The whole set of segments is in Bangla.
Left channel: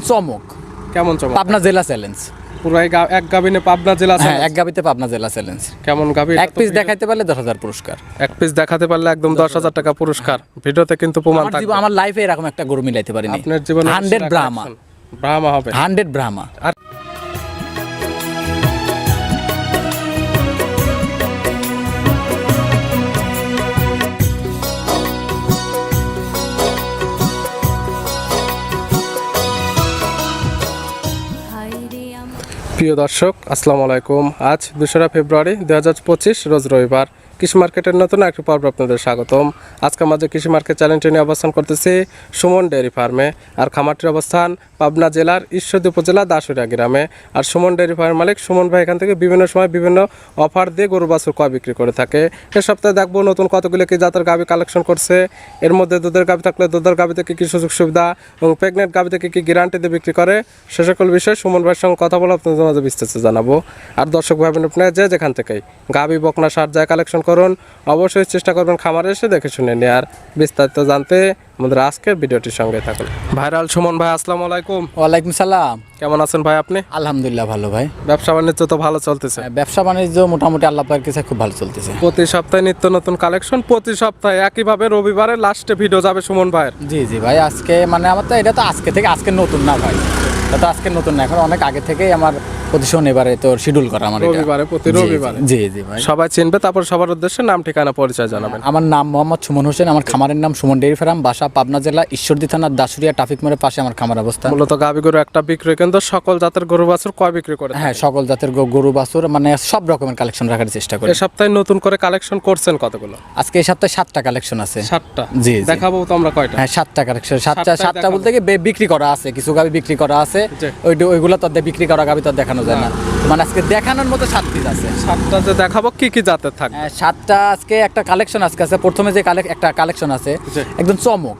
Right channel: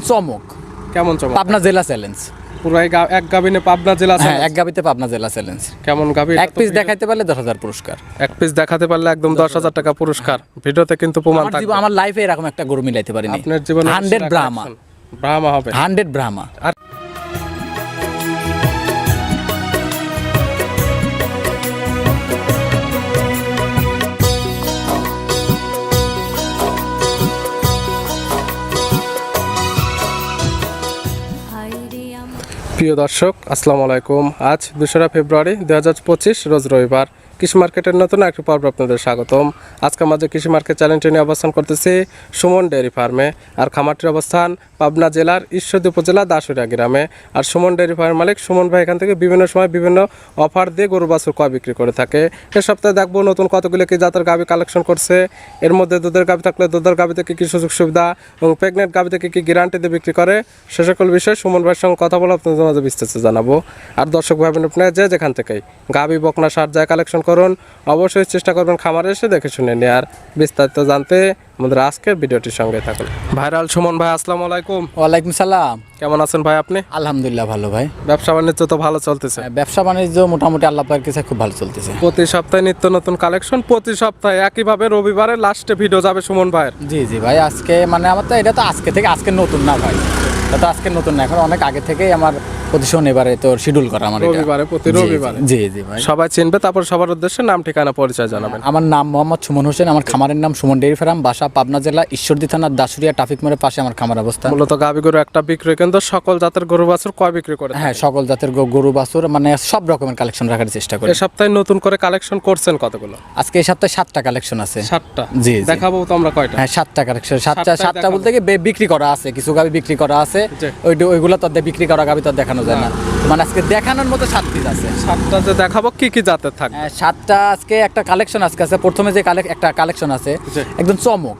একদম চমক। কেমন চমক? পাবনা জেলা চ্যালেঞ্জ। পুরো এক গাবিনে পাবনা জেলা হ্যাঁ, এক গাবিতে পাবনা জেলা চ্যালেঞ্জ। কেমন গাবি? এক পিস দেখাইতে পারলে 10,000 পুরস্কার। এক পিস দেখাতে পারলে একদম 10,000 টাকা পুরস্কার। ভিডিওতে কিন্তু প্রমাণ থাকবে। আমার লাইফে এরকম একটা গরু মিলাইতে পারিনি। আপনার জীবনে 100 ব্রাহ্মা। ব্রাহ্মা হবে 100 ব্রাহ্মা। আর প্রিয় দর্শক, আসসালামু আলাইকুম। আজ 2রা ফেব্রুয়ারি 2025 রোজ রবিবার। কৃষি মার্কেটের নতুন একটি পর্ব আপনাদের স্বাগতম। আজকে আমাদের কৃষি মার্কেট চ্যালেঞ্জ নিয়ে অবস্থান করতেছি সুমন ডেয়ারি ফার্মে। আর খামারটির অবস্থান পাবনা জেলার ঈশ্বরদী উপজেলা দাসুরিয়া গ্রামে। আর সুমন ডেয়ারি ফার্মের মালিক সুমন ভাই এখান থেকে বিভিন্ন সময় বিভিন্ন অফার দিয়ে গরু বাছুর ক্রয় বিক্রি করে থাকে। এ সপ্তাহে দেখবো নতুন কতগুলো কি জাতের গাভি কালেকশন করছে। এর মধ্যে দুধের গাভি থাকলে দুধের গাভি থেকে কী সুযোগ সুবিধা এবং প্রেগনেন্ট গাভি থেকে কী গ্যারান্টি দিয়ে বিক্রি করে, সে সকল বিষয়ে সুমন ভাইয়ের সঙ্গে কথা বলে আপনাদের মাঝে বিস্তারিত জানাবো। আর দর্শক ভাবেন আপনারা যেখান থেকেই গাভি বকনা সার যায় কালেকশন করুন, অবশ্যই চেষ্টা করবেন খামারে এসে দেখে শুনে নিয়ে। আর বিস্তারিত জানতে আমাদের আজকের ভিডিওটির সঙ্গে থাকুন। ভাইরাল সুমন ভাই, আসসালামু আলাইকুম। ওয়ালাইকুম সালাম। কেমন আছেন ভাই আপনি? আলহামদুলিল্লাহ ভালো ভাই। ব্যবসা বাণিজ্য তো ভালো চলতেছে? ব্যবসা বাণিজ্য মোটামুটি আল্লাহ পাকের কাছে খুব ভালো চলতেছে। প্রতি সপ্তাহে নিত্য নতুন কালেকশন, প্রতি সপ্তাহে একইভাবে রবিবারে লাস্টে ভিডিও যাবে সুমন ভাইয়ের। জি জি ভাই, আজকে মানে আমার তো এটা তো আজকে থেকে, আজকে নতুন না ভাই, এটা তো আজকে নতুন না, এখন অনেক আগে থেকেই আমার প্রতি শনিবারে তো শিডিউল করা আমার এটা। রবিবারে, প্রতি রবিবারে। জি জি ভাই, সবাই চিনবে। তারপর সবার উদ্দেশ্যে নাম ঠিকানা পরিচয় জানাবেন। আমার নাম মোহাম্মদ সুমন হোসেন, আমার খামারের নাম সুমন ডেয়ারি ফার্ম, বাসা পাবনা জেলা ঈশ্বরদী থানার দাসুরিয়া ট্রাফিক মোড়ের পাশে আমার খামার অবস্থান। মূলত গাভী গরু একটা বিক্রয় কেন্দ্র, সকল জাতের গরু বাছুর ক্রয় বিক্রি করে। হ্যাঁ, সকল জাতের গরু বাছুর মানে সব রকমের কালেকশন রাখার চেষ্টা করি। এই সপ্তাহে নতুন করে কালেকশন করছেন কতগুলো? আজকে এই সপ্তাহে 7টা কালেকশন আছে। 7টা? জি জি। দেখাবো তো আমরা কয়টা? হ্যাঁ, 7টা কালেকশন। 7টা দেখাবো। বলতে কি বিক্রি করা আছে, কিছু গাবি বিক্রি করা আছে, জি। ওইগুলো তো বিক্রি করা গাবি তো দেখানো যায় না, মানে আজকে দেখানোর মতো 7 পিস আছে। 7টা যে দেখাবো কি কি জাতের থাকবে? 7টা আজকে একটা কালেকশন আজকে আছে। প্রথমে যে একটা কালেকশন আছে জি। একদম চমক।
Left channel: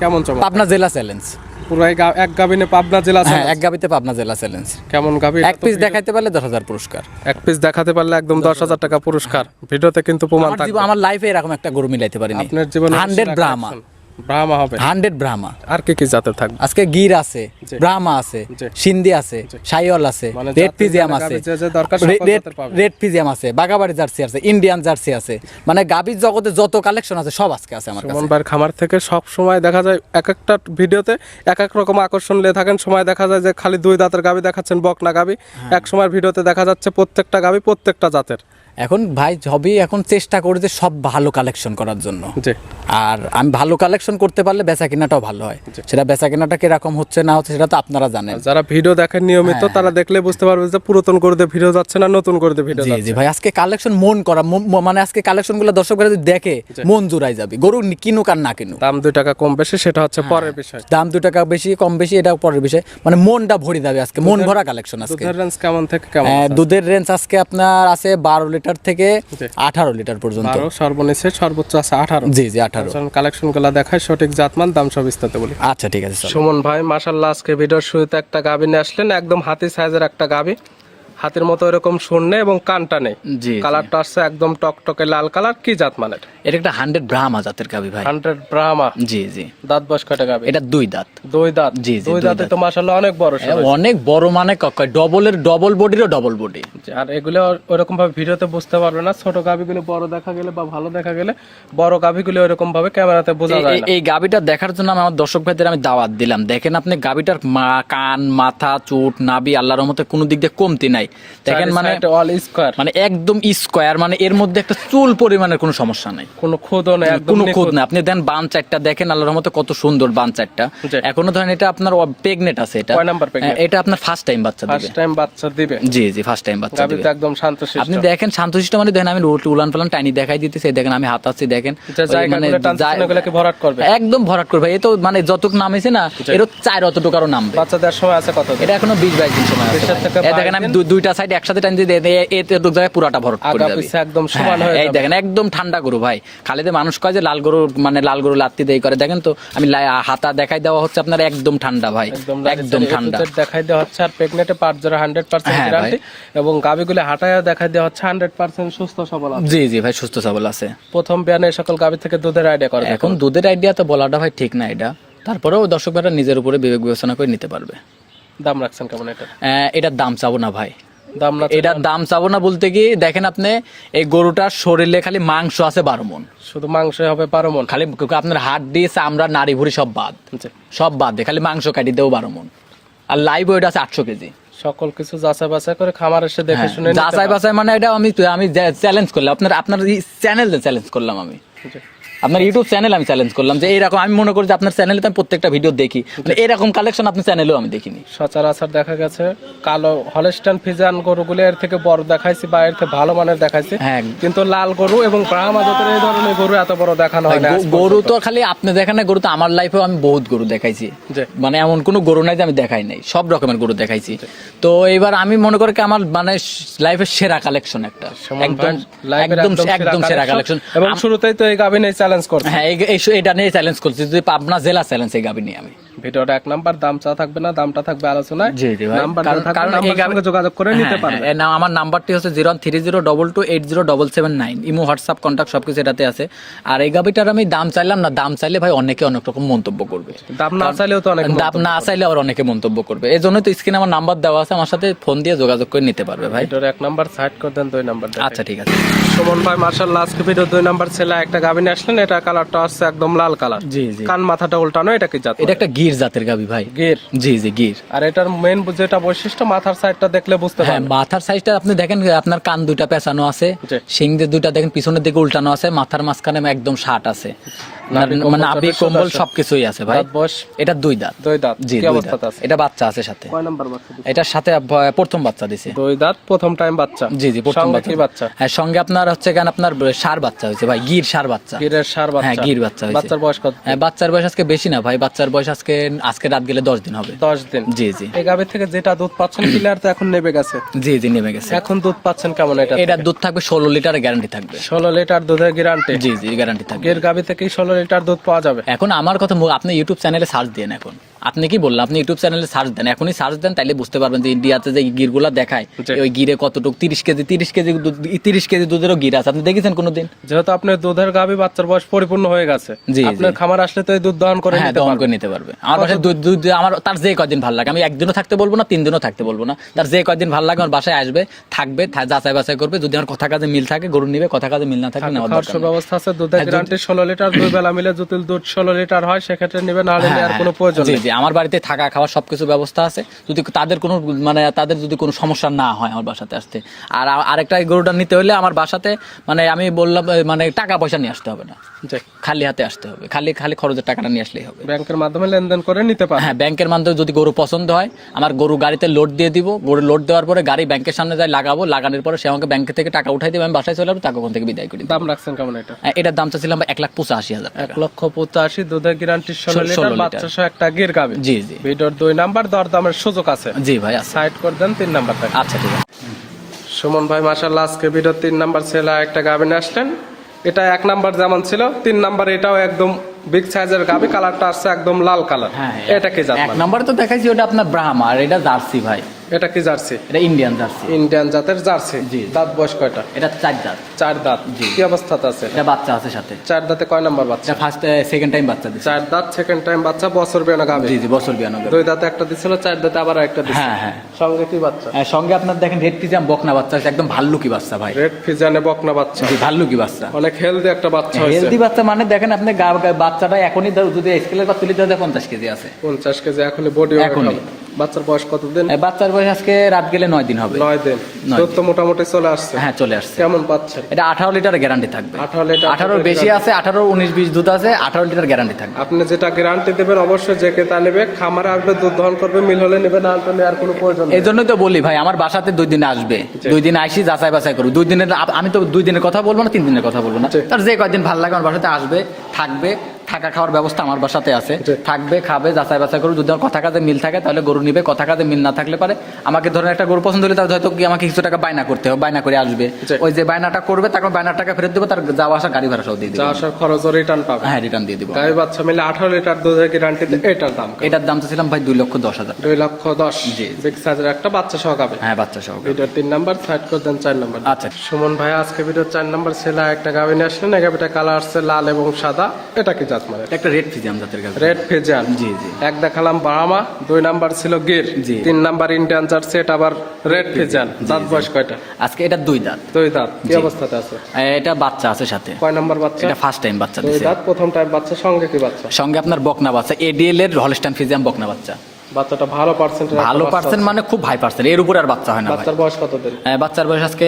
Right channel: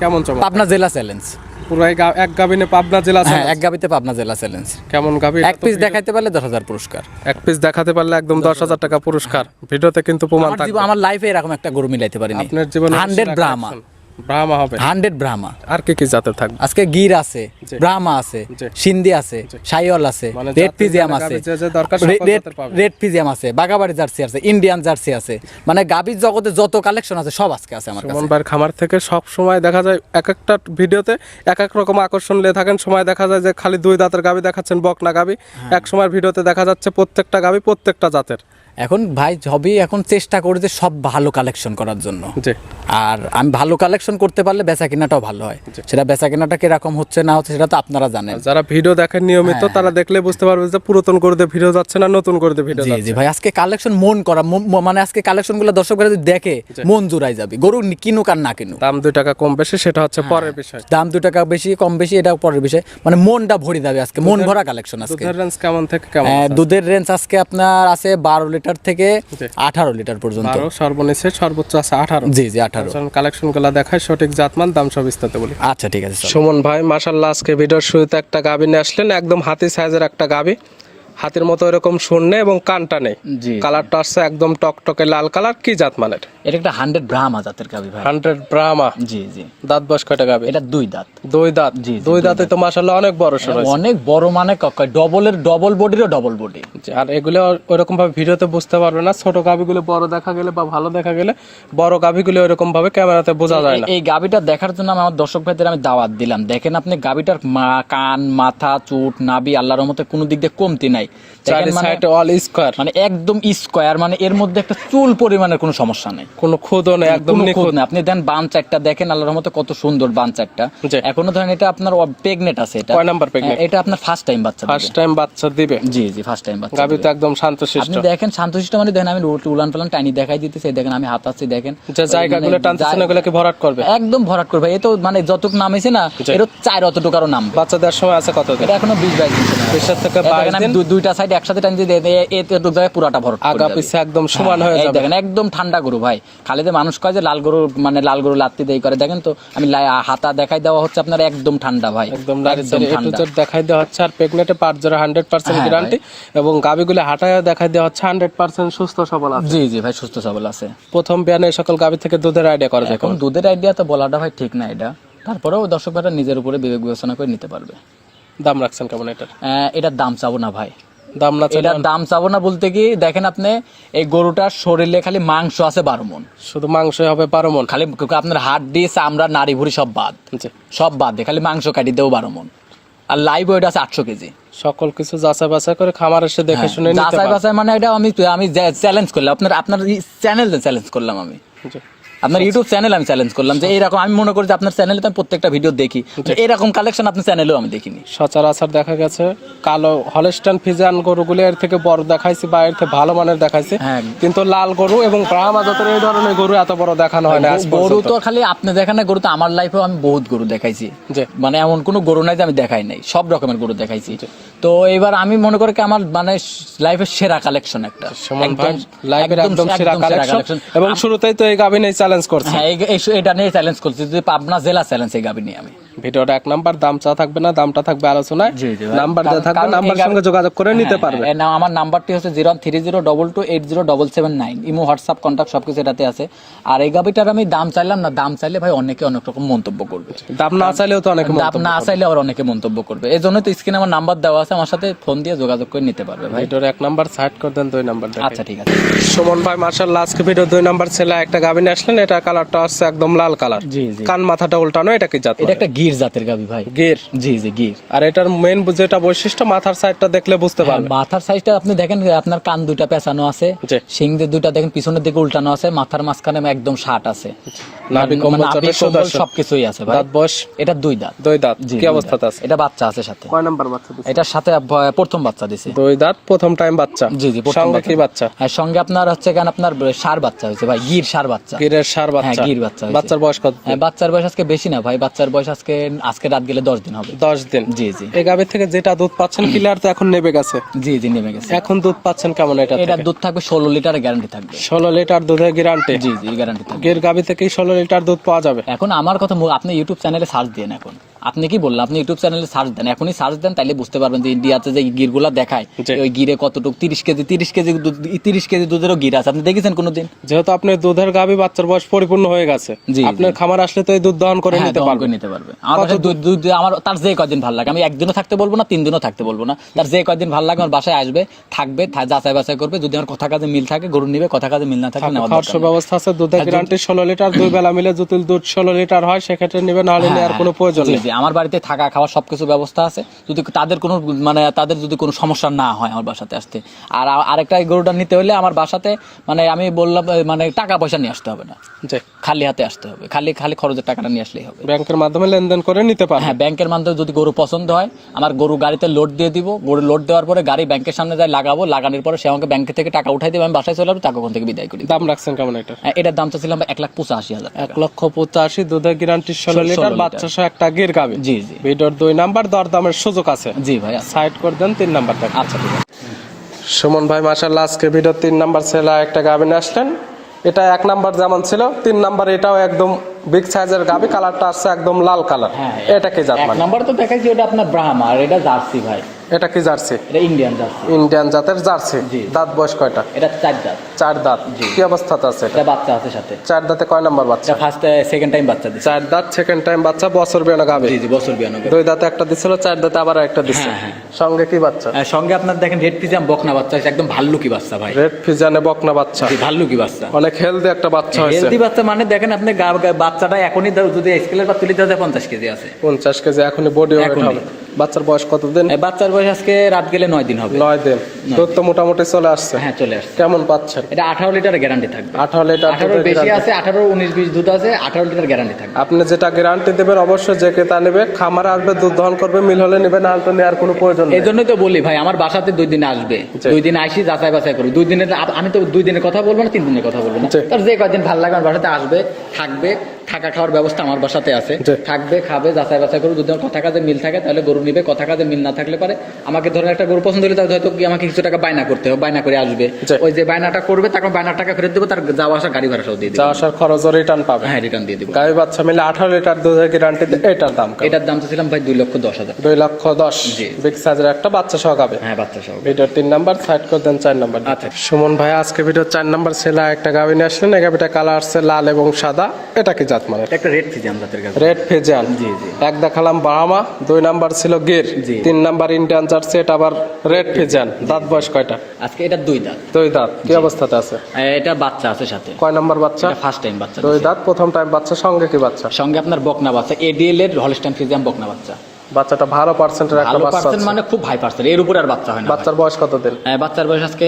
কেমন চমক? পাবনা জেলা চ্যালেঞ্জ। পুরো এক গাবিনে পাবনা জেলা হ্যাঁ, চ্যালেঞ্জ। এক গাবিতে পাবনা জেলা চ্যালেঞ্জ। কেমন গাবি? এক পিস দেখাইতে পারলে 10,000 পুরস্কার। এক পিস দেখাতে পারলে একদম 10,000 টাকা পুরস্কার। ভিডিওতে কিন্তু প্রমাণ থাকবে। আমার লাইফে এরকম একটা গরু মিলাইতে পারিনি। আপনার জীবনে 100 ব্রাহ্মা। ব্রাহ্মা হবে 100 ব্রাহ্মা। আর কি কি জাতের থাকবে? আজকে গির আছে, জি। ব্রাহ্মা আছে, জি। সিন্ধি আছে, সাইওয়াল আছে, মানে রেড জাতের ফিজিয়াম মানে আছে, গাভী যে দরকার সকল জাতের পাবে। রেড ফিজিয়াম আছে, বাগাবাড়ি জার্সি আছে, ইন্ডিয়ান জার্সি আছে, মানে গাভীর জগতে যত কালেকশন আছে সব আজকে আছে আমার সুমন কাছে। ভাইয়ের খামার থেকে সব সময় দেখা যায় এক একটা ভিডিওতে এক এক রকম আকর্ষণ নিয়ে থাকেন। সময় দেখা যায় যে খালি 2 দাঁতের গাভী দেখাচ্ছেন, বকনা গাভী। এক সময় ভিডিওতে দেখা যাচ্ছে প্রত্যেকটা গাভী প্রত্যেকটা জাতের। এখন ভাই হবি, এখন চেষ্টা করি যে সব ভালো কালেকশন করার জন্য। জি। আর আমি ভালো কালেকশন করতে পারলে বেচা কেনাটাও ভালো হয়। সেটা বেচা কেনাটা কিরকম হচ্ছে না হচ্ছে সেটা তো আপনারা জানেন। যারা ভিডিও দেখেন নিয়মিত তারা দেখলে বুঝতে পারবে যে পুরাতন গরুতে ভিডিও যাচ্ছে না নতুন গরুতে ভিডিও জি যাচ্ছে। জি ভাই, আজকে কালেকশন মন করা, মানে আজকে কালেকশনগুলো দর্শকরা যদি দেখে মন জুড়াই যাবে। গরু কিনুক আর না কিনুক, দাম 2 টাকা কম বেশি সেটা হচ্ছে পরের বিষয়। দাম 2 টাকা বেশি কম বেশি এটা পরের বিষয়, মানে মনটা ভরে যাবে আজকে, মন ভরা কালেকশন আজকে। দুধের রেঞ্জ কেমন থেকে কেমন আছে? দুধের রেঞ্জ আজকে আপনার আছে 12 লিটার থেকে 18 লিটার পর্যন্ত। 12 সর্বনিচে, সর্বোচ্চ আছে 18। জি জি 18। কালেকশন গুলা দেখায়, সঠিক জাতমান দাম সব বিস্তারিত বলি। আচ্ছা ঠিক আছে। সুমন ভাই মাশাআল্লাহ, আজকে ভিডিওর শুরুতে একটা গাভী নিয়ে আসলেন, একদম হাতি সাইজের একটা গাভী। হাতের মতো এরকম শূন্য এবং কানটা নেই। জি। কালারটা আসছে একদম টকটকে লাল কালার। কি জাত মানের? এটা একটা 100 ব্রাহ্মা জাতের গাভী ভাই। 100 ব্রাহ্মা। জি জি। দাঁত বয়স কয়টা গাভী? এটা 2 দাঁত। 2 দাঁত? জি জি। 2 দাঁতে তো মাশাআল্লাহ অনেক বড় সরো। অনেক বড়, মানে ডবল বডিরও ডবল বডি। আর এগুলো ওইরকম ভাবে ভিডিওতে বুঝতে পারবে না। ছোট গাভীগুলো বড় দেখা গেলে বা ভালো দেখা গেলে, বড় গাভীগুলো ওইরকম ভাবে ক্যামেরাতে বোঝা যায় না। এই গাভীটা দেখার জন্য আমার দর্শক ভাইদের আমি দাওয়াত দিলাম। দেখেন আপনি গাভীটার কান, মাথা, চুট, নাভি আল্লাহর রহমতে কোনো দিক দিয়ে কমতি নাই। দেখেন মানে অল স্কয়ার, মানে একদম স্কয়ার, মানে এর মধ্যে একটা চুল পরিমাণের কোনো সমস্যা নাই, কোনো খুদও নেই, একদম কোনো খুদ নিখুঁত। না। আপনি দেন বান চারটা দেখেন আল্লাহর রহমতে কত সুন্দর বান চারটা। জি। এখনো ধরেন এটা আপনার প্রেগনেন্ট আছে। এটা কয় নাম্বার প্রেগনেন্ট? এটা আপনার ফার্স্ট টাইম বাচ্চা দিবে। ফার্স্ট টাইম বাচ্চা দিবে? জি জি, ফার্স্ট টাইম বাচ্চা গাভী দিবে। তো একদম শান্তশিষ্ট। আপনি দেখেন শান্তশিষ্ট, মানে দেখেন আমি উলান পালান টাইনি দেখাই দিতেছি, দেখেন আমি হাত আছি দেখেন, যে জায়গাগুলো টানতেছেন ওগুলোকে ভরাট করবে? একদম ভরাট করবে। এই তো মানে যতটুক নামেছে না এর 4 অতটুকারও নাম। বাচ্চা দেওয়ার সময় আছে কত দিন? এটা এখনো 20-22 দিন সময় আছে। 20 থেকে এই দেখেন 22 আমি দিন। দুইটা সাইড একসাথে টাইনি দিয়ে এতে দুই জায়গায় পুরাটা ভরাট করে আগা দেবে। পিছে একদম সমান হয়ে এই যাবে। দেখেন একদম ঠান্ডা গরু ভাই। খালি যে মানুষ কয় যে লাল গরু, মানে লাল গরু লাত্তি দেই করে, দেখেন তো আমি হাতা দেখাই দেওয়া হচ্ছে আপনার, একদম ঠান্ডা ভাই, একদম ঠান্ডা। দেখাই দেওয়া হচ্ছে। আর প্রেগনেন্টে পার্ট যারা 100% গ্যারান্টি, এবং গাভীগুলো হাঁটায় দেখাই দেওয়া হচ্ছে 100% সুস্থ সবল আছে। জি জি ভাই, সুস্থ সবল আছে। প্রথম বিয়ানে এই সকল গাভী থেকে দুধের আইডিয়া করবে। এখন দুধের আইডিয়া তো বলাটা ভাই ঠিক না এটা, তারপরেও দর্শকরা নিজের উপরে বিবেক বিবেচনা করে নিতে পারবে। দাম রাখছেন কেমন এটা? এটার দাম চাবো না ভাই, দাম না এটার দাম চাবো না বলতে কি দেখেন আপনি এই গরুটার শরীরে খালি মাংস আছে 12 মণ, শুধু মাংসই হবে 12 মণ? খালি আপনার হাড় দিয়ে চামড়া নাড়ি ভুড়ি সব বাদ, জি। সব বাদ দিয়ে খালি মাংস কাটি দেবো 12 মণ। আর লাইভ ওয়েট আছে 800 কেজি। সকল কিছু যাচাই বাছাই করে খামার এসে দেখে শুনে নিতে যাচাই পারবে। বাছাই মানে এটা আমি চ্যালেঞ্জ করলাম, আপনার চ্যানেল চ্যালেঞ্জ করলাম আমি, জি। আপনার ইউটিউব চ্যানেল আমি চ্যালেঞ্জ করলাম যে এইরকম, আমি মনে করি যে আপনার চ্যানেলে আমি প্রত্যেকটা ভিডিও দেখি, এরকম কালেকশন আপনার চ্যানেলেও আমি দেখিনি। সচরাচর দেখা গেছে কালো হলস্টাইন ফ্রিজিয়ান গরুগুলো এর থেকে বড় দেখাইছি বা এর থেকে ভালো মানের দেখাইছি, হ্যাঁ। কিন্তু লাল গরু এবং ব্রাহ্মা জাতের এই ধরনের গরু এত বড় দেখানো হয় না আজ গরু পর্যন্ত। তো খালি আপনি দেখেন না, গরু তো আমার লাইফেও আমি বহুত গরু দেখাইছি, জি। মানে এমন কোনো গরু নাই যে আমি দেখাই নাই, সব রকমের গরু দেখাইছি। তো এবার আমি মনে করি কি আমার মানে লাইফের সেরা কালেকশন একটা, সুমন ভাই লাইভের একদম সেরা কালেকশন এবং শুরুতেই তো এই গাবিনে চ্যালেঞ্জ করছে। হ্যাঁ এটা নিয়ে চ্যালেঞ্জ করছি, যদি পাবনা জেলা চ্যালেঞ্জ এই গাবি নিয়ে আমি। ভিডিওটা 1 নাম্বার, দাম চা থাকবে না, দামটা থাকবে আলোচনায়। জি জি ভাই। নাম্বার দেওয়া থাকবে, কারণ নাম্বারের সঙ্গে যোগাযোগ করে নিতে পারবে। আমার নাম্বারটি হচ্ছে 013022807779, ইমো হোয়াটসঅ্যাপ কন্ট্যাক্ট সবকিছু এটাতে আছে। আর এই গাবিটার আমি দাম চাইলাম না, দাম চাইলে ভাই অনেকে অনেক রকম মন্তব্য করবে, দাম না চাইলেও তো অনেক দাম না চাইলে আবার অনেকে মন্তব্য করবে, এই জন্য তো স্ক্রিনে আমার নাম্বার দেওয়া আছে, আমার সাথে ফোন দিয়ে যোগাযোগ করে নিতে পারবে ভাই। ভিডিওর 1 নাম্বার সাইড করে দেন, 2 নাম্বার দেন। আচ্ছা ঠিক আছে। সুমন ভাই মাশাআল্লাহ আজকে ভিডিও 2 নাম্বার ছেলে একটা গাবিনে আসলেন, এটা কালারটা হচ্ছে একদম লাল কালার, জি জি, কান মাথাটা উল্টানো, এটা কি জাত? এটা একটা গির জাতের গাবি ভাই। গির? জি জি গির। আর এটার মেইন যেটা বৈশিষ্ট্য, মাথার সাইডটা দেখলে বুঝতে হ্যাঁ, পারবেন। মাথার সাইজটা আপনি দেখেন, আপনার কান দুইটা পেঁচানো আছে, জি। শিং দিয়ে দুইটা দেখেন পিছনের দিকে উল্টানো আছে, মাথার মাঝখানে একদম ষাট আছে, নাভি মানে কম্বল নাভি যথেষ্ট কম্বল আছে। সবকিছুই আছে ভাই। দাঁত বয়স? এটা 2 দাঁত। 2 দাঁত। জি, কি 2 অবস্থাতে দাঁত। আছে? এটা বাচ্চা আছে সাথে। কয় নাম্বার বাচ্চা দিছে? এটার সাথে প্রথম বাচ্চা দিছে। 2 দাঁত, প্রথম টাইম বাচ্চা। জি জি, প্রথম সঙ্গে কি বাচ্চা? হ্যাঁ, সঙ্গে আপনার হচ্ছে কেন আপনার ষাঁড় বাচ্চা হয়েছে ভাই, গির ষাঁড় বাচ্চা। গিরের ষাঁড় হ্যাঁ, বাচ্চা। গির বাচ্চা হয়েছে। বাচ্চার বয়স কত? হ্যাঁ, বাচ্চার বয়স আজকে বেশি না ভাই, বাচ্চার বয়স আজকে রাত গেলে 10 দিন হবে। 10 দিন। জি জি। এই গাভীর থেকে যেটা দুধ পাচ্ছেন ক্লিয়ার তো এখন নেমে গেছে। জি জি, নেমে গেছে। এখন দুধ পাচ্ছেন কেমন এটা? এটার দুধ থাকবে 16 লিটারের গ্যারান্টি থাকবে। 16 লিটার দুধের গ্যারান্টি? জি জি, গ্যারান্টি থাকবে। গির গাভী থেকে 16 লিটার দুধ পাওয়া যাবে। এখন আমার কথা আপনি ইউটিউব চ্যানেলে সার্চ দেন, এখন আপনি কি বললেন, আপনি ইউটিউব চ্যানেলে সার্চ দেন, এখনই সার্চ দেন, তাইলে বুঝতে পারবেন যে ইন্ডিয়াতে যে গিরগুলা দেখায় জি। ওই গিরে কতটুকু 30 কেজি দুধেরও গির আছে, আপনি দেখেছেন কোনোদিন? যেহেতু আপনার দুধের গাভী বাচ্চার বয়স পরিপূর্ণ হয়ে গেছে, জি, আপনার খামার আসলে তো এই দুধ দহন করে হ্যাঁ, নিতে দহন পারবেন। করে নিতে পারবে। আমার বাসায় দুধ আমার তার যে কয়দিন ভালো লাগে, আমি একদিনও থাকতে বলবো না, 3 দিনও থাকতে বলবো না, তার যে কয়দিন ভালো লাগে আমার বাসায় আসবে, থাকবে, যাচাই বাছাই করবে, যদি আমার কথা কাজে মিল থাকে গরু নিবে, কথা কাজে মিল না থাকে নেওয়ার খাওয়ার দরকার নেই। ব্যবস্থা আছে, দুধের গ্যারান্টি 16 লিটার, 2 বেলা মিলে যদি দুধ 16 লিটার হয় সেক্ষেত্রে নিবে, না হলে নেওয়ার কোনো প্রয়োজন জি নেই। জি, আমার বাড়িতে থাকা খাওয়ার সবকিছু ব্যবস্থা আছে, যদি তাদের যদি কোনো সমস্যা না হয় আমার বাসাতে আসতে। আর আরেকটা গরুটা নিতে হলে আমার বাসাতে মানে আমি বললাম মানে টাকা পয়সা নিয়ে আসতে হবে না, জি। খালি হাতে আসতে হবে, খালি খরচের টাকাটা নিয়ে আসলেই হবে। ব্যাংকের মাধ্যমে লেনদেন করে নিতে পারবেন। হ্যাঁ, ব্যাংকের মাধ্যমে যদি গরু পছন্দ হয়, আমার গরু গাড়িতে লোড দিয়ে দিব, গরু লোড দেওয়ার পরে গাড়ি ব্যাংকের সামনে যায় লাগাবো, লাগানোর পরে সে আমাকে ব্যাংক থেকে টাকা উঠাই দেবে, আমি বাসায় চলে আসবো, টাকা ওখান থেকে বিদায় করি। দাম রাখছেন কেমন এটা? এটার দাম চাচ্ছিলাম 1,85,000 টাকা। 1,85,000, দুধের গ্যারান্টি 16 লিটার, বাচ্চা সহ একটা গির গাভী। জি জি ভিডিওর 2 নাম্বার, দরদামের সুযোগ আছে। জি ভাই, আচ্ছা সাইড করে দেন, 3 নাম্বার থাকে। আচ্ছা ঠিক আছে। সুমন ভাই মাশাআল্লাহ আজকে ভিডিওর 3 নাম্বার ছেলে একটা গাভী নিয়ে আসলেন। এটা 1 নাম্বার যেমন ছিল, 3 নাম্বার এটাও একদম বিগ সাইজের গাভী, কালারটা আছে একদম লাল কালার। হ্যাঁ, এটা কি জাত? এক মানে নম্বরে তো দেখাইছি ওটা আপনার ব্রাহ্মা, আর এটা জার্সি ভাই। এটা কি জার্সি? এটা ইন্ডিয়ান জার্সি। ইন্ডিয়ান জাতের জার্সি। জি। দাঁত বয়স কয়টা? এটা 4 দাঁত। 4 দাঁত। জি। কি অবস্থাতে আছে এটা? এটা বাচ্চা আছে সাথে। 4 দাঁতে কয় নাম্বার বাচ্চা? এটা ফার্স্ট সেকেন্ড টাইম বাচ্চা দিছে। 4 দাঁত, সেকেন্ড টাইম বাচ্চা, বছর বিয়ানো গাভী। জি জি, বছর 92। 2 দাঁতে একটা দিছিল, 4 দাঁতে আবার একটা দিছে। হ্যাঁ, হ্যাঁ। সঙ্গে কি বাচ্চা? সঙ্গে আপনার দেখেন রেড পিজাম বকনা বাচ্চা আছে, একদম ভাল্লুকি বাচ্চা ভাই। রেড ফিজানে বকনা বাচ্চা। জি, ভাল্লুকি বাচ্চা। অনেক হেলদি একটা বাচ্চা হয়েছে। হেলদি বাচ্চা মানে দেখেন আপনি বাচ্চাটা এখনই যদি স্কেলের পর তুলি দেওয়া 50 কেজি আছে। 50 কেজি এখনই বডি ওয়েট এখনই। হবে। বাচ্চার বয়স কতদিন? বাচ্চার বয়স আজকে রাত গেলে 9 দিন হবে। 9 দিন। দুধ তো মোটামুটি চলে আসছে। হ্যাঁ, চলে আসছে। কেমন পাচ্ছেন? এটা 18 লিটারের গ্যারান্টি থাকবে। 18 লিটার 18 বেশি আছে, 18 19 20 দুধ আছে, 18 লিটার গ্যারান্টি থাকবে। আপনি যেটা গ্যারান্টি দেবেন অবশ্যই যে ক্রেতা নেবে খামারে আসবে, দুধ দহন করবে, মিল হলে নেবে, না হলে নেওয়ার কোনো প্রয়োজন নেই। এই জন্য তো বলি ভাই, আমার বাসাতে 2 দিন আসবে, 2 দিন আসি যাচাই বাছাই করবো। 2 দিনের আমি তো 2 দিনের কথা বলবো না, 3 দিনের কথা বলবো না। জি। তার যে কয়দিন ভালো লাগে আমার বাসাতে আসবে, থাকবে, থাকা খাওয়ার ব্যবস্থা আমার বাসাতে আছে, জি। থাকবে, খাবে, যাচাই বাছাই করবে। যদি আমার কথা কাজে মিল থাকে তাহলে গরু নিবে, কথা কাজে মিল না থাকলে পারে আমাকে ধরেন একটা গরু পছন্দ হলে তাহলে হয়তো কি আমাকে কিছু টাকা বায়না করতে হবে, বায়না করে আসবে, জি। ওই যে বায়নাটা করবে তখন বায়নার টাকা ফেরত দেবো, তার যাওয়া আসা গাড়ি ভাড়া সহ দিয়ে যা দেবো। আসার খরচ রিটার্ন পাবে। হ্যাঁ, রিটার্ন দিয়ে দিবো। গাভী বাচ্চা মিলে 18 লিটার দুধের গ্যারান্টি, এটার দাম কেমন? এটার দাম তো ছিলাম ভাই 2,10,000। 2,10,000। জি। বিগ সাইজের একটা বাচ্চা সহ গাভী। হ্যাঁ, বাচ্চা সহ। ভিডিওর 3 নাম্বার, সাইড করে দেন 4 নাম্বার। আচ্ছা। সুমন ভাই আজকে ভিডিওর 4 নাম্বার ছেলে একটা গাভী নিয়ে আসলেন। এই গাভীটা কালার আসছে লাল এবং সাদা। এটা কি জাত? জাত মানে? একটা রেড ফিজিয়াম জাতের গাভী। Red Friesian. জি জি। এক দেখালাম বাহামা, 2 নাম্বার ছিল গির, জি। 3 নাম্বার ইন্ডিয়ান জার্সি, এটা আবার রেড ফিজিয়ান। দাঁত বয়স কয়টা? আজকে এটা 2 দাঁত। 2 দাঁত। কি অবস্থাতে আছে? এটা বাচ্চা আছে সাথে। কয় নাম্বার বাচ্চা? এটা ফার্স্ট টাইম বাচ্চা 2 দিছে। দাঁত, প্রথম টাইম বাচ্চা। সঙ্গে কি বাচ্চা? সঙ্গে আপনার বকনা বাচ্চা, এডিএল এর হলস্টাইন ফিজিয়াম বকনা বাচ্চা। বাচ্চাটা ভালো পার্সেন্টের একটা ভালো বাচ্চা পার্সেন্ট আছে। মানে খুব হাই পার্সেন্ট, এর উপরে আর বাচ্চা হয় না। বাচ্চার বয়স কত দিন? বাচ্চার বয়স আজকে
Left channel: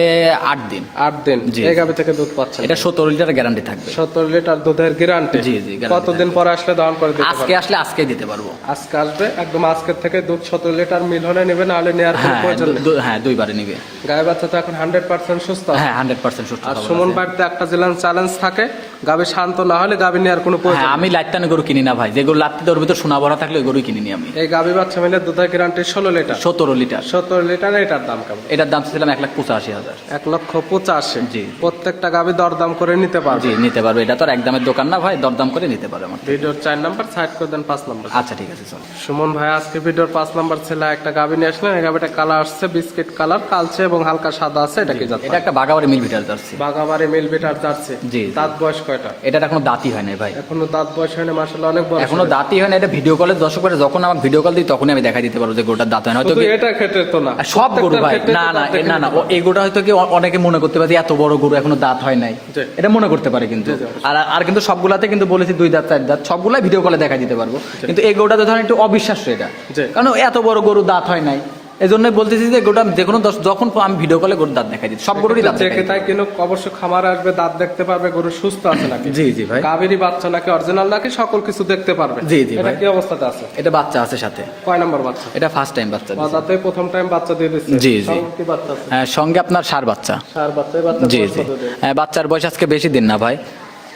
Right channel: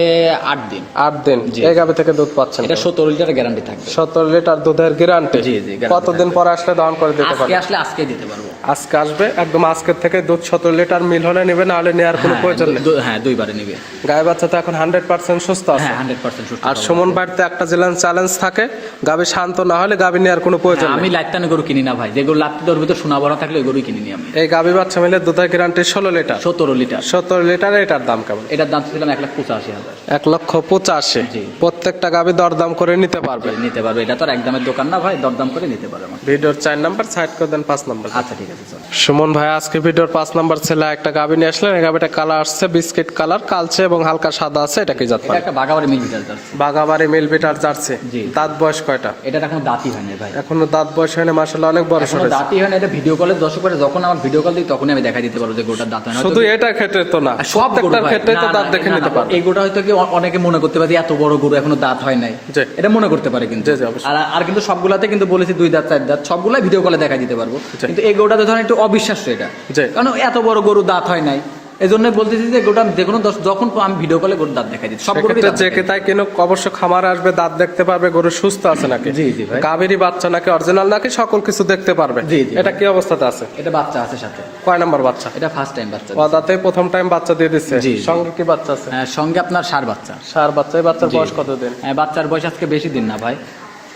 8 দিন। 8 দিন। জি। এই গাভী থেকে দুধ পাচ্ছেন? এটা 17 লিটার গ্যারান্টি থাকবে। 17 লিটার দুধের গ্যারান্টি। জি জি, guarantee কতদিন পরে আসলে দহন করে দিতে আজকে পারবেন? আসলে আজকে দিতে পারবো। আজকে আসবে, একদম আজকের থেকে দুধ 17 লিটার মিল হলে নেবে, না হলে নেওয়ার কোনো প্রয়োজন নেই। হ্যাঁ 2 বারে নেবে। গায়ে বাচ্চা তো এখন 100% সুস্থ আছে। হ্যাঁ 100% সুস্থ। আর সুমন বাড়িতে একটা চ্যালেঞ্জ থাকে, গাভী শান্ত না হলে গাভী নেওয়ার কোনো প্রয়োজন নেই। আমি লাইটানে গরু কিনি না ভাই, যেগুলো লাত্তি তোর ভিতর সোনা ভরা থাকলে ওই গরুই কিনি নি আমি। এই গাভী বাচ্চা মিলে দুধের গ্যারান্টি 16 লিটার। 17 লিটার। 17 লিটার। এটার দাম কেমন? এটার দাম ছিলাম 1,85,000। 1,85,000। জি। প্রত্যেকটা গাভী দরদাম করে নিতে জি পারবে। নিতে পারবে, এটা তো আর একদমের দোকান না ভাই, দরদাম করে নিতে পারবে আমার। ভিডিওর 4 নাম্বার সাইড করে দেন, 5 নাম্বার। আচ্ছা ঠিক আছে স্যার। সুমন ভাই আজকে ভিডিওর 5 নাম্বার ছেলে একটা গাভী নিয়ে আসলেন। এই গাভীটা কালার আসছে বিস্কিট কালার, কালচে এবং হালকা সাদা আছে। এটা কি জাত? এটা একটা বাগাবাড়ি মিল বিটার জার্সি। বাগাবাড়ি মিল বিটার জার্সি। জি। দাঁত বয়স কয়টা? এটা এখনো দাঁতই হয় নাই ভাই। এখনো দাঁত বয়স হয়নি, মাশাআল্লাহ অনেক বড়। এখনো দাঁতই হয় না। এটা ভিডিও কলে দর্শক করে যখন আমার ভিডিও কল দিই তখনই আমি দেখা দিতে পারবো যে গরুটার দাঁত হয় না। শুধু এটা ক্ষেত্রে তো না, আর সব গরু ভাই ক্ষেত্রে না তো না দাঁত দেখে না নিতে না, পারবে। এই গরুটা হয়তো কি অনেকে মনে করতে পারে যে এত বড় গরু এখনো দাঁত হয় নাই, জি। এটা মনে করতে পারে কিন্তু। জি, জি, অবশ্যই। আর কিন্তু সবগুলাতে কিন্তু বলেছি 2 দাঁত 4 দাঁত, সবগুলা ভিডিও কলে দেখা দিতে পারবো। কিন্তু এই গরুটাতে ধরেন একটু অবিশ্বাস্য এটা, জি। কারণ এত বড় গরু দাঁত হয় নাই। এই জন্য বলতেছি যে গোটা যে কোনো যখন আমি ভিডিও কলে গরুর দাঁত দেখাই দিই, সব গরুরই দাঁত যে দেখাই দিই। তাই কিন্তু অবশ্য খামারে আসবে, দাঁত দেখতে পারবে, গরু সুস্থ আছে নাকি, জি জি ভাই। গাভীরই বাচ্চা নাকি অরিজিনাল নাকি সকল কিছু দেখতে পারবে। জি, জি এটা ভাই। কি অবস্থাতে আছে? এটা বাচ্চা আছে সাথে। কয় নাম্বার বাচ্চা? এটা ফার্স্ট টাইম বাচ্চা। দাঁতে প্রথম টাইম বাচ্চা দিয়ে দিচ্ছে। জি, জি। সঙ্গে কি বাচ্চা আছে? হ্যাঁ সঙ্গে আপনার ষাঁড় বাচ্চা। সার বাচ্চা। এই বাচ্চার জি বয়স জি। কত দিন? হ্যাঁ বাচ্চার বয়স আজকে বেশি দিন না ভাই,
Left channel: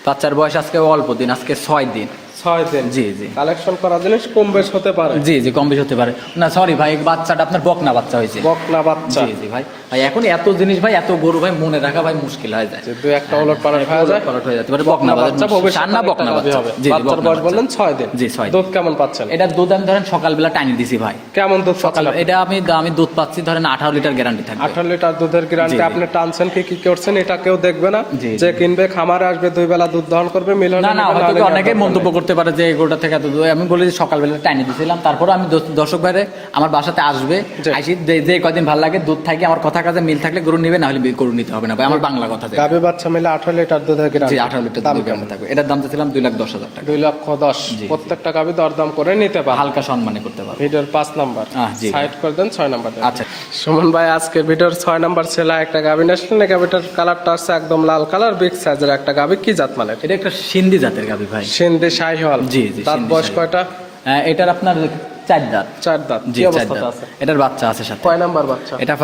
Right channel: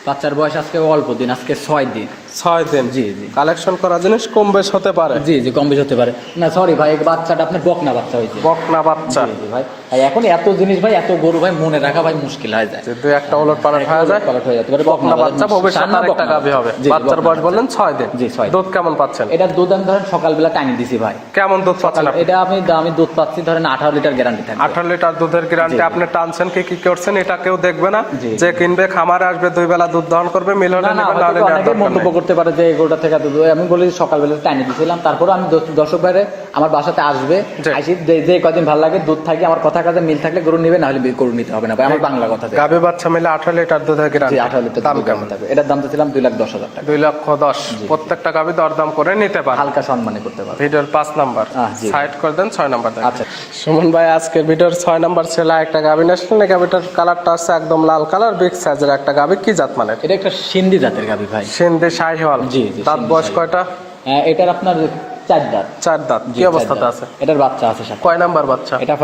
বাচ্চার বয়স আজকে অল্প দিন, আজকে 6 দিন। 6 দিন। জি জি। কালেকশন করা জিনিস কম বেশ হতে পারে। জি জি কম বেশি হতে পারে। না সরি ভাই, এই বাচ্চাটা আপনার বকনা বাচ্চা হয়েছে। বকনা বাচ্চা। জি জি ভাই। ভাই এখন এত জিনিস ভাই, এত গরু ভাই মনে রাখা ভাই মুশকিল হয়ে যায়। যে দুই একটা ওলট পালট হয়ে যায়। পালট হয়ে যেতে পারে। বকনা বাচ্চা ভবিষ্যতে সামনে আরেকটা বকনা গাভী বাচ্চা। হবে। জি, জি, বাচ্চার বকনা বয়স বললেন বাচ্চা। 6 দিন। জি 6 দিন। দুধ কেমন পাচ্ছেন? এটা দুধ আমি ধরেন সকালবেলা টাইনি দিছি ভাই। কেমন দুধ পাচ্ছেন আপনি? এটা আমি দুধ পাচ্ছি ধরেন 18 লিটার গ্যারান্টি থাকবে। 18 লিটার দুধের গ্যারান্টি। জি, জি। আপনি টানছেন কি করছেন এটা কেউ দেখবে না। জি, জি। যে কিনবে খামারে আসবে, 2 বেলা দুধ দহন করবে, মিল হলে না না, নেবে, হয়তো নাহলে নেওয়ার অনেকে দরকার মন্তব্য নেই। করতে পারে যে গরুটা থেকে এত দুধ, আমি বলি যে সকালবেলা টাইনে দিয়েছিলাম, তারপরে আমি দর্শক ভাইরে আমার বাসাতে আসবে, জি। আইসি যে কয়দিন ভালো লাগে দুধ থাকে, আমার কথা কাজে মিল থাকলে গরু নিবে, না হলে গরু নিতে হবে না ভাই, আমার বাংলা কথা। গাভী বাচ্চা মিলে 18 লিটার দুধের জি গ্যারান্টি। 18 লিটার দাম দুধ কেমন? থাকবে। এটার দাম তো ছিলাম 2,10,000 টাকা। 2,10,000। জি। প্রত্যেকটা গাভী দরদাম করে নিতে পারে। হালকা সম্মানে করতে পারবে। ভিডিওর 5 নাম্বার জি। সাইড করে দেন, 6 নাম্বার দেন। আচ্ছা। সুমন ভাই আজকের ভিডিওর 6 নাম্বার ছেলে একটা গাভী আসলেন। এই গাভীটার কালারটা আছে একদম লাল কালার, বিগ সাইজের একটা গাভী। কি জাত মানে? এটা একটা সিন্ধি জাতের গাভী ভাই। সিন্ধি শাহিওয়াল। জি, জি, দাঁত সিন্ধি বয়স শাহিওয়াল। কয়টা? এটার আপনার 4 দাঁত। 4 দাঁত। জি, কি 4 অবস্থাতে দাঁত। আছে? এটার বাচ্চা আছে সাথে। কয় নাম্বার বাচ্চা? এটা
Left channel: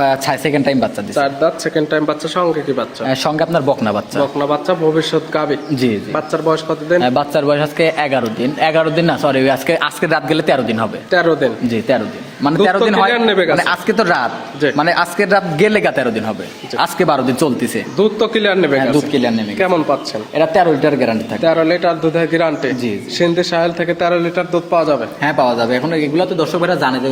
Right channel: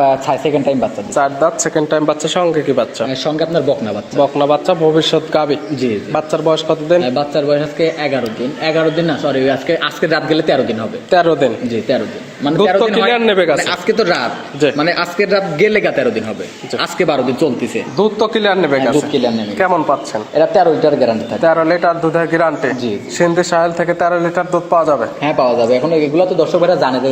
সেকেন্ড টাইম বাচ্চা দিচ্ছে। 4 দাঁত, সেকেন্ড টাইম বাচ্চা। সঙ্গে কি বাচ্চা? সঙ্গে আপনার বকনা বাচ্চা। বকনা বাচ্চা, ভবিষ্যৎ গাভী। জি জি। বাচ্চার বয়স কতদিন? বাচ্চার বয়স আজকে 11 দিন। 11 দিন না সরি, আজকে রাত গেলে 13 দিন হবে। 13 দিন। জি 13 দিন। মানে দুধ 13 তো দিন clear হয়- নেবে গাছে। মানে আজকে তো রাত, জি। মানে আজকে রাত গেলে 13 দিন হবে। জি। আজকে 12 দিন চলতেছে। দুধ তো ক্লিয়ার নেবে গেছে। দুধ clear নেবে গেছে। কেমন পাচ্ছেন? এটা 13 লিটার গ্যারান্টি থাকে। 13 লিটার দুধের গ্যারান্টি। জি। সিন্ধি সাহেল থেকে 13 লিটার দুধ পাওয়া যাবে। হ্যাঁ পাওয়া যাবে। এখন এগুলো তো দর্শক ভাইরা জানে যে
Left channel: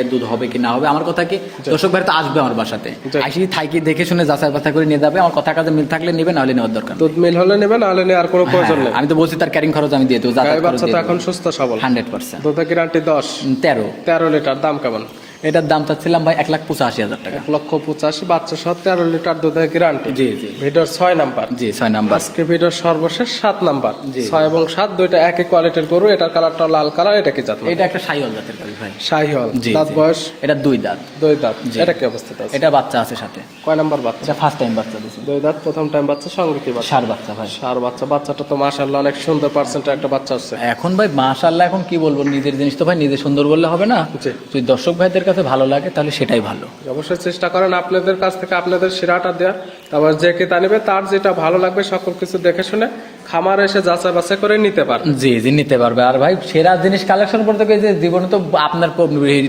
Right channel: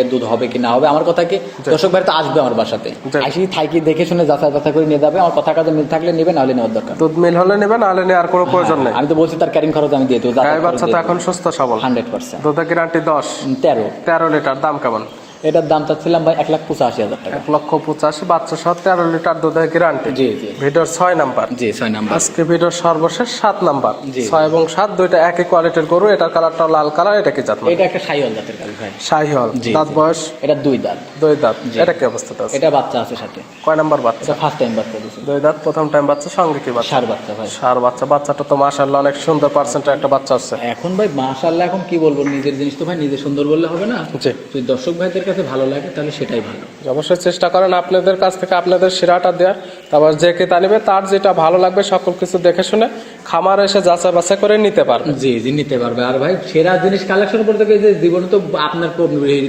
এর দুধ হবে কি না হবে। আমার কথা কি দর্শক ভাইরা তো আসবে আমার বাসাতে, জি। আসি থাকি দেখে শুনে যাচাই বাছাই করে নিয়ে যাবে। আমার কথা কাজে মিল থাকলে নেবে, নাহলে নেওয়ার দরকার নেই। দুধ মিল হলে নেবে, নাহলে নেওয়ার কোনো প্রয়োজন নেই। আমি তো বলছি তার ক্যারিং খরচ আমি দিয়ে দেবো। গাই বাচ্চা তো এখন সুস্থ সবল। 100%। দুধের গ্যারান্টি 10। 13। 13 লিটার। দাম কেমন? এটার দাম চাচ্ছিলাম ভাই 1,85,000 টাকা। 1,85,000। বাচ্চা সহ 13 লিটার দুধের গ্যারান্টি। জি জি ভিডিওর 6 নাম্বার। জি 6 নাম্বার। আজকে ভিডিওর সর্বশেষ 7 নাম্বার। জি। 6 এবং 7 দুইটা একই কোয়ালিটির গরু। এটার কালারটা লাল কালার। এটা কি জাত মানে? এটা একটা শাহিওয়াল জাতের গাভী ভাই। শাহিওয়াল। জি, দাঁত জি। বয়স? এটা 2 দাঁত। 2 দাঁত। জি। এটা কি অবস্থাতে আছে? এটা বাচ্চা আছে সাথে। কয় নাম্বার বাচ্চা? এটা ফার্স্ট টাইম বাচ্চা দিয়েছে। 2 দাঁত, প্রথম টাইম বাচ্চা। সঙ্গে কি বাচ্চা? ষাঁড় বাচ্চা ভাই। সার বাচ্চা। বাচ্চাটা তো মাশাআল্লাহ অনেক সুন্দর পার্সেন্টের একটা বাচ্চা হচ্ছে। এখন ভাই মাশাআল্লাহ, এখন কি বলবো, নিজের জিনিস তো ভাই নিজে সুন্দর বললে হবে না। জি। যদি দর্শক ভাইদের কাছে ভালো লাগে তাহলে সেটাই ভালো। অবশ্যই চেষ্টা করেন আপনাদের কাছ থেকে আপনাদের সেরাটা দেওয়ার। তারপর যে ক্রেতা নেবে তার যেটা ভালো লাগবে সকল কিছু দেখে শুনে খামারে এসে যাচাই বাছাই করে নিতে পারবে। জি জি নিতে পারবে। আর ভাই সেরা জিনিস কালেকশন করতে গিয়ে যে জীবনে তো আপনার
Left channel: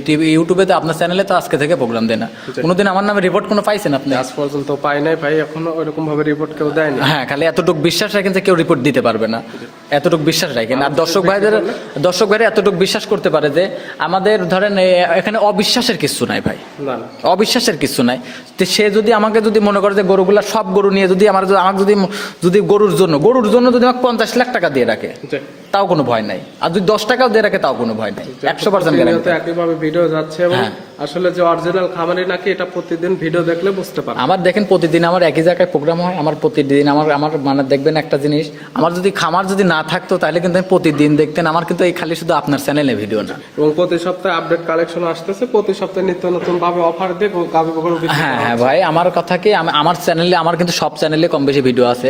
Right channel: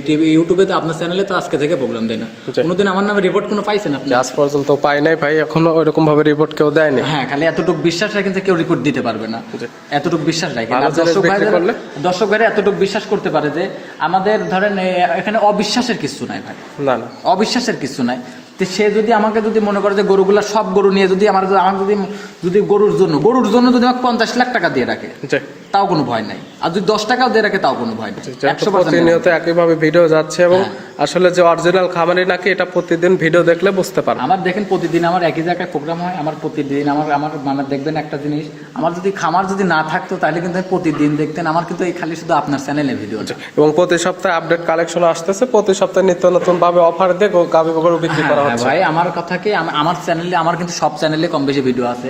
টিভি ইউটিউবে তো আপনার চ্যানেলে তো আজকে থেকে প্রোগ্রাম দেয় না। জি। কোনোদিন আমার নামে রিপোর্ট কোনো পাইছেন আপনি? আজ পর্যন্ত পাই নাই ভাই, এখনো ওইরকম ভাবে রিপোর্ট কেউ দেয়নি। হ্যাঁ খালি এতটুকু বিশ্বাস রাখেন যে কেউ রিপোর্ট দিতে পারবে না, এতটুকু বিশ্বাস রাখেন। আর আর দর্শক যদি ভাইদের দেখতে দর্শক ভাইরা এতটুকু বিশ্বাস করতে পারে যে আমাদের ধরেন এখানে অবিশ্বাসের কিছু নাই ভাই, না না। অবিশ্বাসের কিছু নাই। তো সে যদি আমাকে যদি মনে করে যে গরুগুলা সব গরু নিয়ে যদি আমার যদি গরুর জন্য জন্য যদি আমাকে 50 লাখ টাকা দিয়ে রাখে জি তাও কোনো ভয় নাই, আর যদি 10 টাকাও দিয়ে রাখে তাও কোনো ভয় নাই। 100% প্রতিনিয়ত একইভাবে ভিডিও যাচ্ছে এবং হ্যাঁ। আসলে যে অরিজিনাল খামারি নাকি এটা প্রতিদিন ভিডিও দেখলে বুঝতে পারবে। আমার দেখেন প্রতিদিন আমার একই জায়গায় প্রোগ্রাম হয়, আমার প্রতিদিন আমার আমার মানে দেখবেন একটা জিনিস, আমার যদি খামার যদি না থাকতো তাহলে কিন্তু আমি প্রতিদিন দেখতেন, আমার কিন্তু এই খালি শুধু আপনার চ্যানেলে ভিডিও না। এবং প্রতি সপ্তাহে আপডেট কালেকশন আসতেছে, প্রতি সপ্তাহে নিত্য নতুন ভাবে অফার দিয়ে গাভী গরু বিক্রি করা হ্যাঁ হচ্ছে। ভাই, আমার কথা কি আমার চ্যানেলে, আমার কিন্তু সব চ্যানেলে কম বেশি ভিডিও আছে,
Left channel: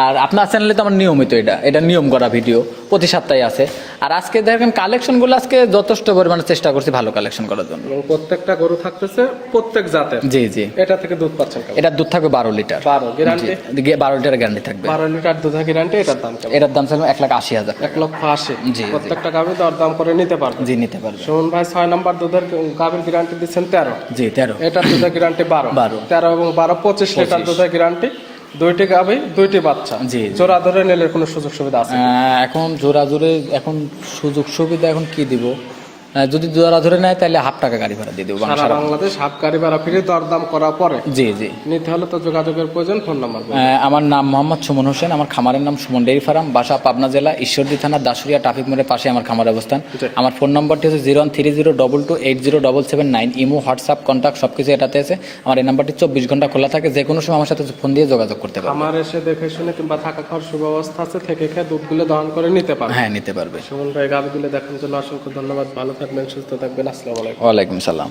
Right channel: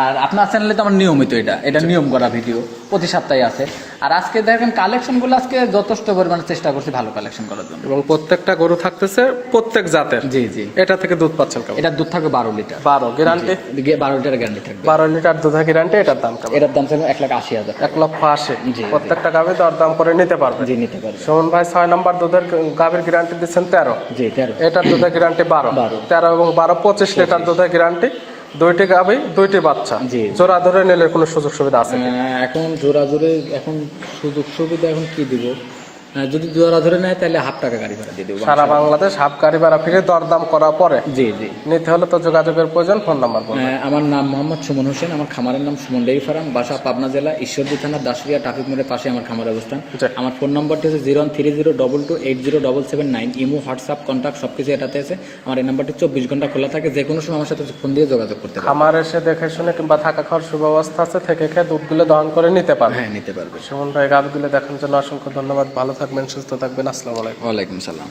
আর আপনার চ্যানেলে তো আমার নিয়মিত এটা নিয়ম করা ভিডিও প্রতি সপ্তাহে আছে। আর আজকে দেখেন কালেকশন গুলো আজকে যথেষ্ট পরিমাণে চেষ্টা করছি ভালো কালেকশন করার জন্য। এবং প্রত্যেকটা গরু থাকতেছে প্রত্যেক জাতের। জি জি, এটা থেকে দুধ পাচ্ছেন কেমন? এটা দুধ থাকবে 12 লিটার। 12 গ্যারান্টি? 12 লিটার গ্যারান্টি থাকবে। 12 লিটার দুধের গ্যারান্টি। এটার দাম কেমন? এটার দাম ছিল 1,80,000। 1,80,000। জি, প্রত্যেকটা গাভী দরদাম করে নিতে পারবে। জি নিতে পারবে। সুমন ভাই 6 নাম্বার দুধের গাভীর গ্যারান্টি দিচ্ছেন 13। জি 13। এটার দুধের গ্যারান্টি 12। 13 এবং 12 25 লিটার দুধের গ্যারান্টি। দুইটি গাভী দুইটি বাচ্চা। জি। জোড়া ধরে নিলে কোনো সুযোগ সুবিধা আছে? এখন জোড়া জোরে এখন সুযোগ সুবিধা এখন কি দিব, যদি জোড়া ধরে নেয় তাহলে হাফ টাকা গাড়ি ভাড়া দিয়ে দেবো। সারা বাংলাদেশ হাফ গাড়ি ভাড়া ফিরে দরদাম করার পরে জি জি। নিতে হলে তো যোগাযোগের প্রয়োজন। ফোন নাম্বার বলুন। আমার নাম মোহাম্মদ সুমন হোসেন, আমার খামারের নাম সুমন ডেইরি ফার্ম, বাসা পাবনা জেলা ঈশ্বরদী থানা দাসুরিয়া ট্রাফিক মোড়ের পাশে আমার খামার অবস্থান। জি। আমার ফোন নম্বরটি হচ্ছে 01302280779। ইমো, হোয়াটসঅ্যাপ, কন্ট্যাক্ট সবকিছু এটাতে আছে। আমার এই নাম্বারটি 24 ঘন্টা খোলা থাকে, যে কোনো সময় আমার সাথে ফোন দিয়ে যোগাযোগ করতে পারবে। খামার এসে দেখে শুনে কিংবা থাকা খাওয়ার সুব্যবস্থা আছে, থেকে খেয়ে দুধগুলো দহন করে নিতে পারবে। হ্যাঁ নিতে পারবে। সুমন ভাই গাভীগুলো দেখার জন্য অসংখ্য ধন্যবাদ। ভালো থাকবেন, সুস্থ থাকবেন। আসসালামু আলাইকুম। ওয়ালাইকুম সালাম।